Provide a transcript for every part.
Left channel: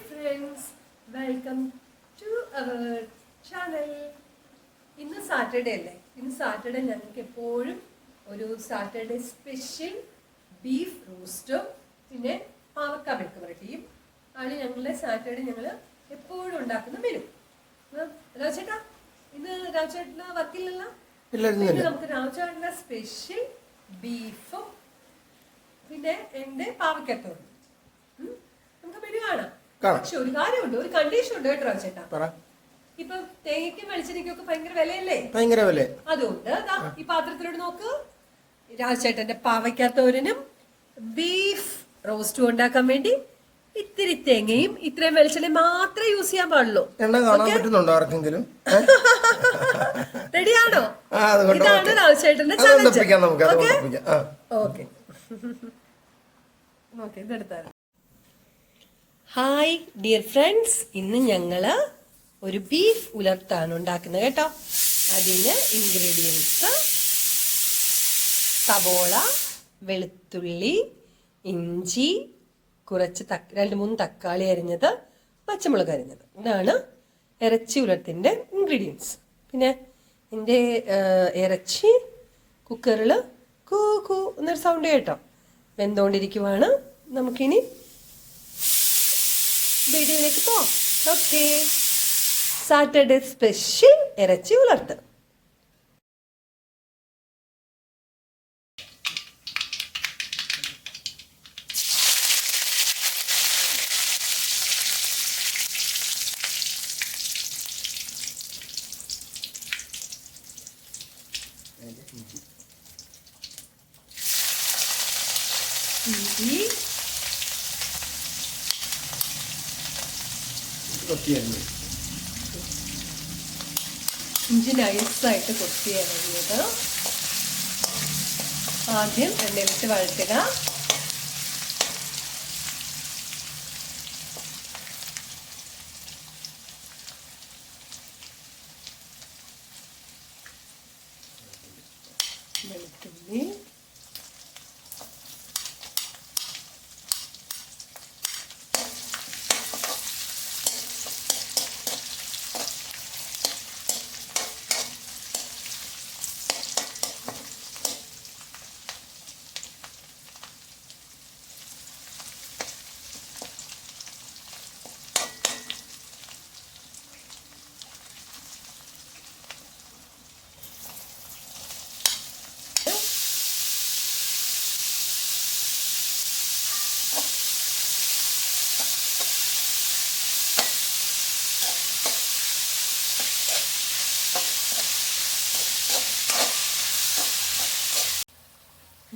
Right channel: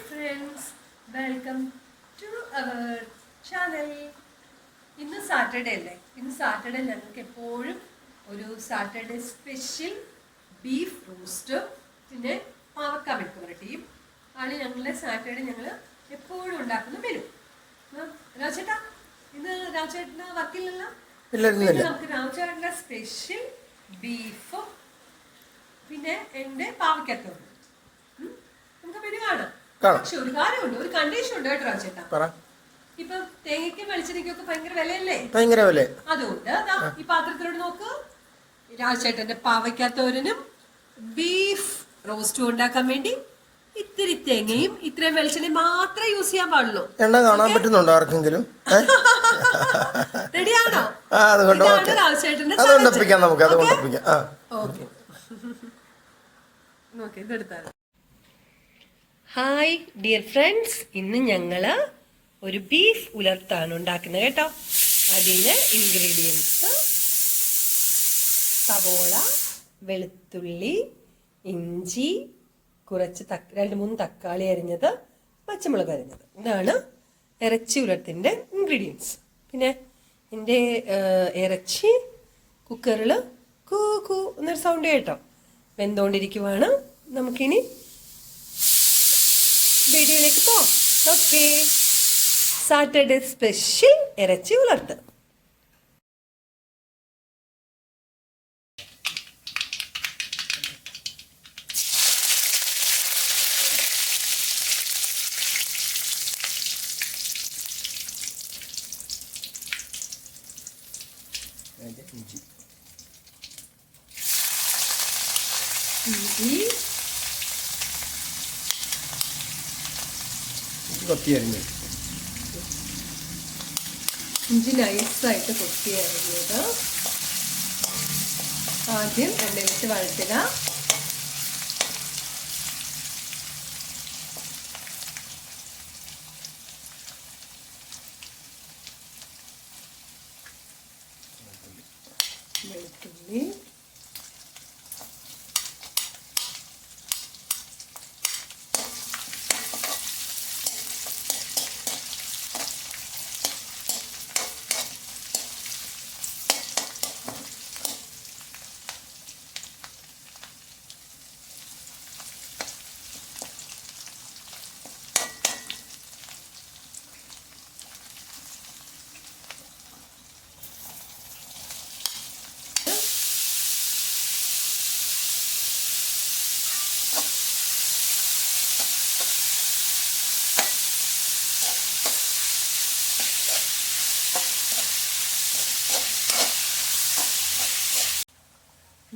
Friends welcome to our channel ഇന്ന് Saturday അല്ലേ? ഇന്ന് സാറ്റർഡേ ഞങ്ങൾക്ക് എപ്പോഴും ഒരു സാറ്റർഡേ സ്പെഷ്യൽ ബീഫ് റോസ്റ്റും പിന്നെ പാവക്ക മെഴുക്ക് വരട്ടിയും ആണ് ഞങ്ങളുടെ സാറ്റർഡേ ഞങ്ങൾ എപ്പോഴും ഉണ്ടാക്കുന്ന മെനു രാജേട്ടാ ഇന്ന് രാജേട്ടന് വർക്കില്ലല്ലോ നമുക്ക് രാജേട്ടന്റെ സ്പെഷ്യൽ ബീഫും പിന്നെ എന്റെ പാവക്കത്തോടും കാണാം. പക്ഷെ ഒരു കാര്യമുണ്ട്. ഒരു കണ്ടീഷൻ ഉണ്ട് കേട്ടോ രാജേട്ടാ. പറ. ഇപ്പൊ തേങ്ങയ്ക്കും വെളിച്ചെണ്ണയ്ക്കൊക്കെ ഭയങ്കര വിലയല്ലേ? ഭയങ്കര വില അതുകൊണ്ട് ദാ ഈ പാത്രത്തിലോട്ട് നോക്ക്. രാജേട്ടന്റെ പാവയ്ക്കാത്തവരനും ബീഫ് റോസ്റ്റും ഉണ്ടാക്കാൻ വേണ്ടി ഇത്തിരി തേങ്ങയും ഇത്രയും വെളിച്ചെണ്ണയും മാത്രമേ യൂസ് ചെയ്യാൻ പാടുള്ളൂ. എണ്ണ കാണാൻ പറ്റുന്നുണ്ടോ ആർക്കെങ്കിലും? റെഡിയാണോ അതുകൊണ്ട് നമുക്ക് അത് കൊണ്ടൊപ്പിക്കാം ആ. ഓക്കെ ഇതെടുത്താൽ ഹായ് ഡിയർ ഫ്രണ്ട്സ് ഇന്ന് ഞങ്ങൾ ഒരു ബീഫ് ഉലർത്താണ് ഉണ്ടാക്കുന്നത് കേട്ടോ. അതിന് ഇൻഗ്രീഡിയൻസ് സവോള വെളുത്തുള്ളി ഇഞ്ചി കുറച്ച് തക്ക രണ്ട് മൂന്ന് തക്കാളി അരിഞ്ഞത് പച്ചമുളക് അരിഞ്ഞത്. ഇതാണ് ഇറച്ചി ഉലർത്തിന്റെ ഇൻഗ്രീഡിയൻസ് പിന്നെ എന്റെ ഇറച്ചി കുക്കറിൽ കൂ കൂ എന്നൊരു സൗണ്ട് കേട്ടോ. വെന്തുകൊണ്ടിരിക്കുവാണ് നമുക്കിനി വീഡിയോയിലേക്ക് പോവാം. ഓക്കെ സാറ്റർഡേ സ്പെഷ്യൽ ഇറച്ചി ഉലർത്ത്. ഇഞ്ചി. കൊത്തിയരിഞ്ഞ്. ഇഞ്ചി നൈസായിട്ട് കൊത്തി അരിഞ്ഞത് ആദ്യം എണ്ണയിലിട്ട് വഴറ്റുക വെളുത്തുള്ളി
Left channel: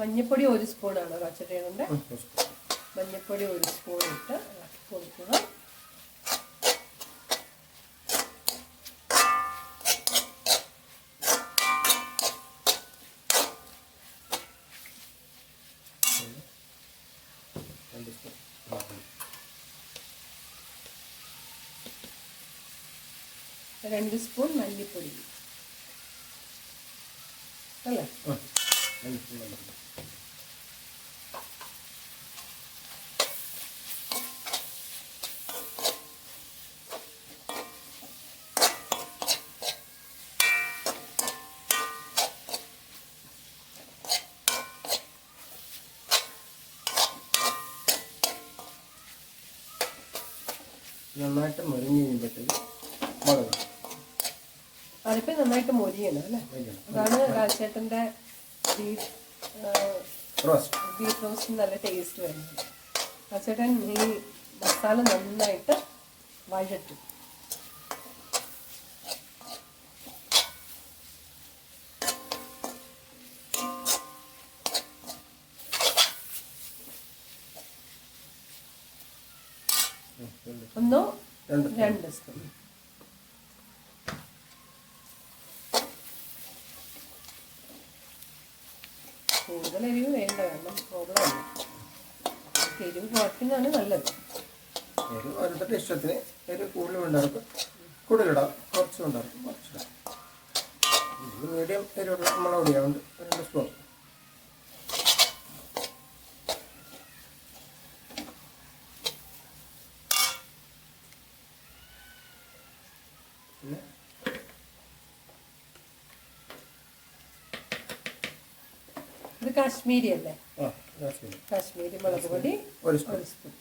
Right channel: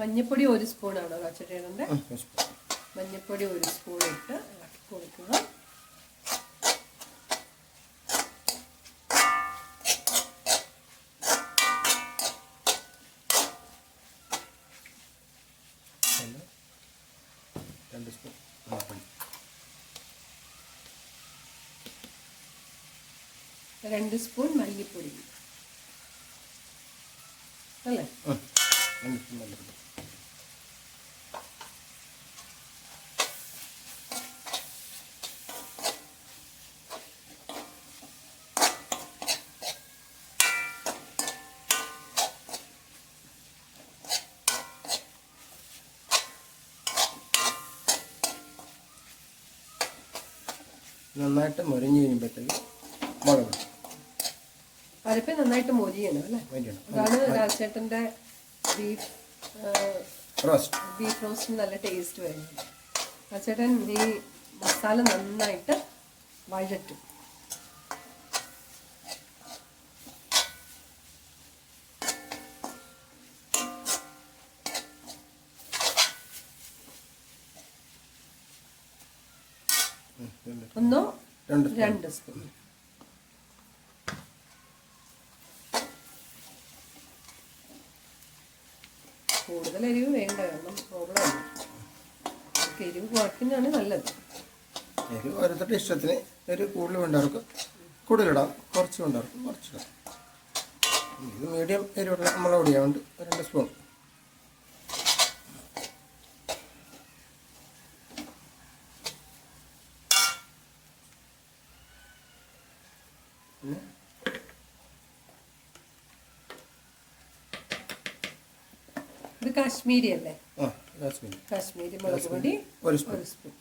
മഞ്ഞപ്പൊടി ഒരു സ്പൂണാണോ കാച്ചട്ടേണന്റെ മഞ്ഞപ്പൊടി ഒരു സ്പൂൺ. ഇട്ട് ഇളക്കി കൊടുക്കുക രണ്ട് സ്പൂൺ. മല്ലിപ്പൊടി. അല്ലേ? നന്നായിട്ട് മുരിഞ്ഞ് കഴിയുമ്പോഴത്തേക്ക് മുളക് അരപ്പ് നന്നായിട്ട് മൊരിയണം അല്ലേ? അതാണ് രാജേട്ടന്റെ ബീഫ് ബീഫ് റോസ്റ്റിന് നല്ല ടേസ്റ്റ് വരുന്നത് അച്ചേട്ടൻ ഈ മസാല നന്നായിട്ട് വഴറ്റും. ഒന്നോ രണ്ട് സ്പൂൺ. കൂടുതൽ എരിവ് വേണ്ട കാരണം പ്രോബ്ലം എരിവ് കുറയ്ക്കുന്നതാണ് നല്ലത്. എരിവ് ഓരോരുത്തരുടെ ഇഷ്ടത്തിന് എരിവ് കൂടുതൽ വേണ്ടവർക്ക് കൂടുതലിടാം കുറച്ച് വേണ്ടവർക്ക് കുറച്ചിടാം മീഡിയം എരിവുള്ള മുളക് പൊടിയാണ്ട് രണ്ട് സ്പൂൺ ഇത് കാശ്മീരി. അല്ലേ കാശ്മീരി മുളക് പൊടി ഒരു സ്പൂൺ.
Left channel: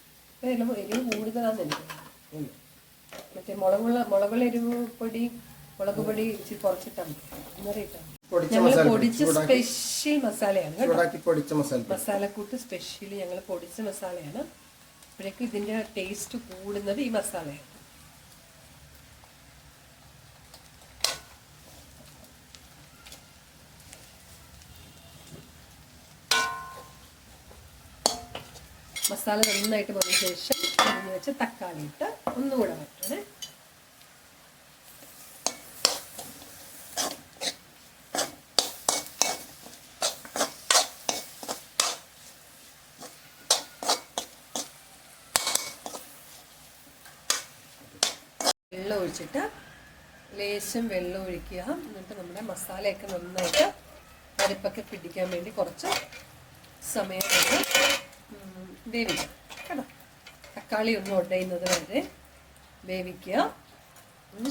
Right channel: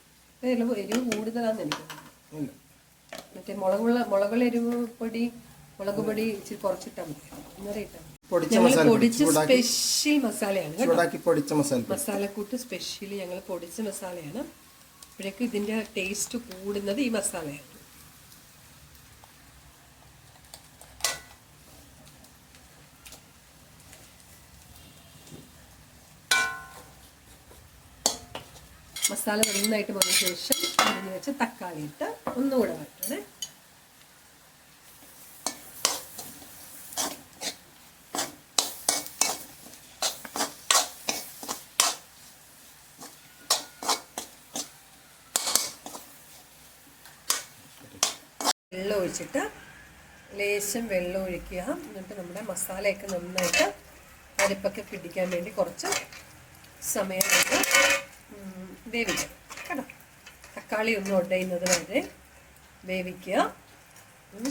ഇതിൽ എരിവ് കൂടുതലാന്ന് എനിക്ക് തോന്നുന്നു. മറ്റേ മുളകുള്ള മുളകുള്ള എരിവ് പൊടി മുളക് പൊടി ഇച്ചിരി കുറച്ചിട്ടാൽ മതി. മതി. ഞങ്ങൾ പൊടിച്ച സ്പെഷ്യൽ മസാലയാണ് പൊടിച്ച മസാല മസാലക്കൂട്ട് സ്പെഷ്യലി ഞങ്ങൾ പൊടിച്ച മസാലയാണ്. അപ്പോഴേക്കും ഇതിന്റെ ടേസ്റ്റ് കൂടുന്നത് ഈ മസാലയാണ്. മസാല നന്നായിട്ട് വന്ന ശേഷം അതിന് വെച്ച് തക്കാളി ഇട്ട് ഒന്നുകൂടെ വറ്റണേ വെള്ളം ഒഴിച്ചിട്ട് ലേശം വെള്ളം ഒഴിക്കുക. എന്നിട്ട് നമ്മുടെ മസാലയൊക്കെ നന്നായിട്ട് അരിപ്പൊക്കെ പിടിക്കാൻ വേണ്ടി കുറച്ച് സമയം കൊണ്ട് ഉം, വേവിക്കണം കേട്ടോ തക്കാളി ഒന്ന് ഉടയുന്നത് വരെ വേവിക്കുക. അതിന്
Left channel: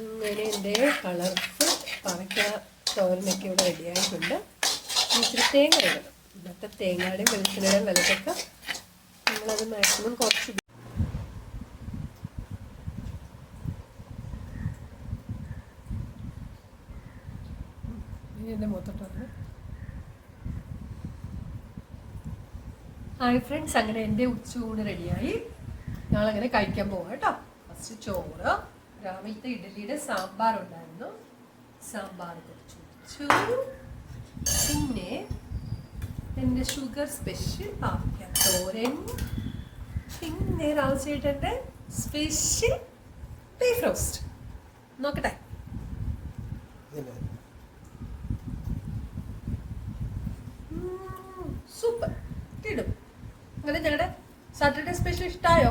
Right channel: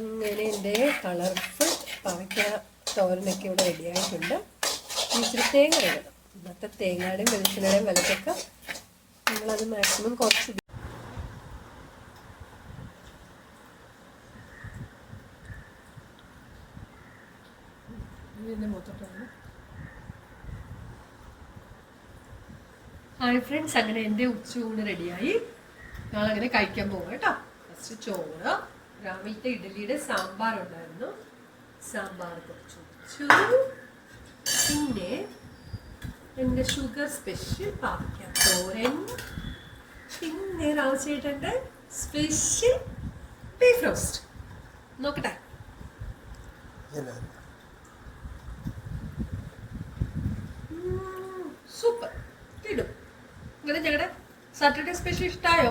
അങ്ങനെ എന്റെ കളർഫുൾ പവയ്ക്ക തോരനൊക്കെ ഇവിടെ റെഡിയായിട്ടുണ്ട് ഇച്ചിരി തേങ്ങ ഇടണം. ഇന്നത്തെ തേങ്ങയുടെയും വെളിച്ചെണ്ണയുടെയും വിലക്കൊക്കെ നമ്മളത് മാക്സിമം കുറച്ച് ഹായ് ഫ്രണ്ട്സ് അങ്ങനെ എന്റെ ഉച്ചയൂണ് റെഡിയായി ഞങ്ങളങ്ങനെ കഴിക്കാൻ പോകാം കേട്ടോ. ഫസ്റ്റ് ചോറ്. രാവിലത്തെ ഇഡലിയുടെ സാമ്പാർ ഉണ്ടായിരുന്നു സാമ്പാർ കുറച്ച് വെച്ചു പിന്നെ എന്റെ ഷുഗർ സ്പെഷ്യൽ പാവയ്ക്ക തോരൻ. പിന്നെ രാവിലെ സ്പെഷ്യൽ ബീഫ് റോസ്റ്റ് നോക്കട്ടെ. സൂപ്പർ ഇടും. അങ്ങനെ ഞങ്ങളുടെ സാറ്റർഡേ സ്പെഷ്യൽ ഇഷ്ടമായോ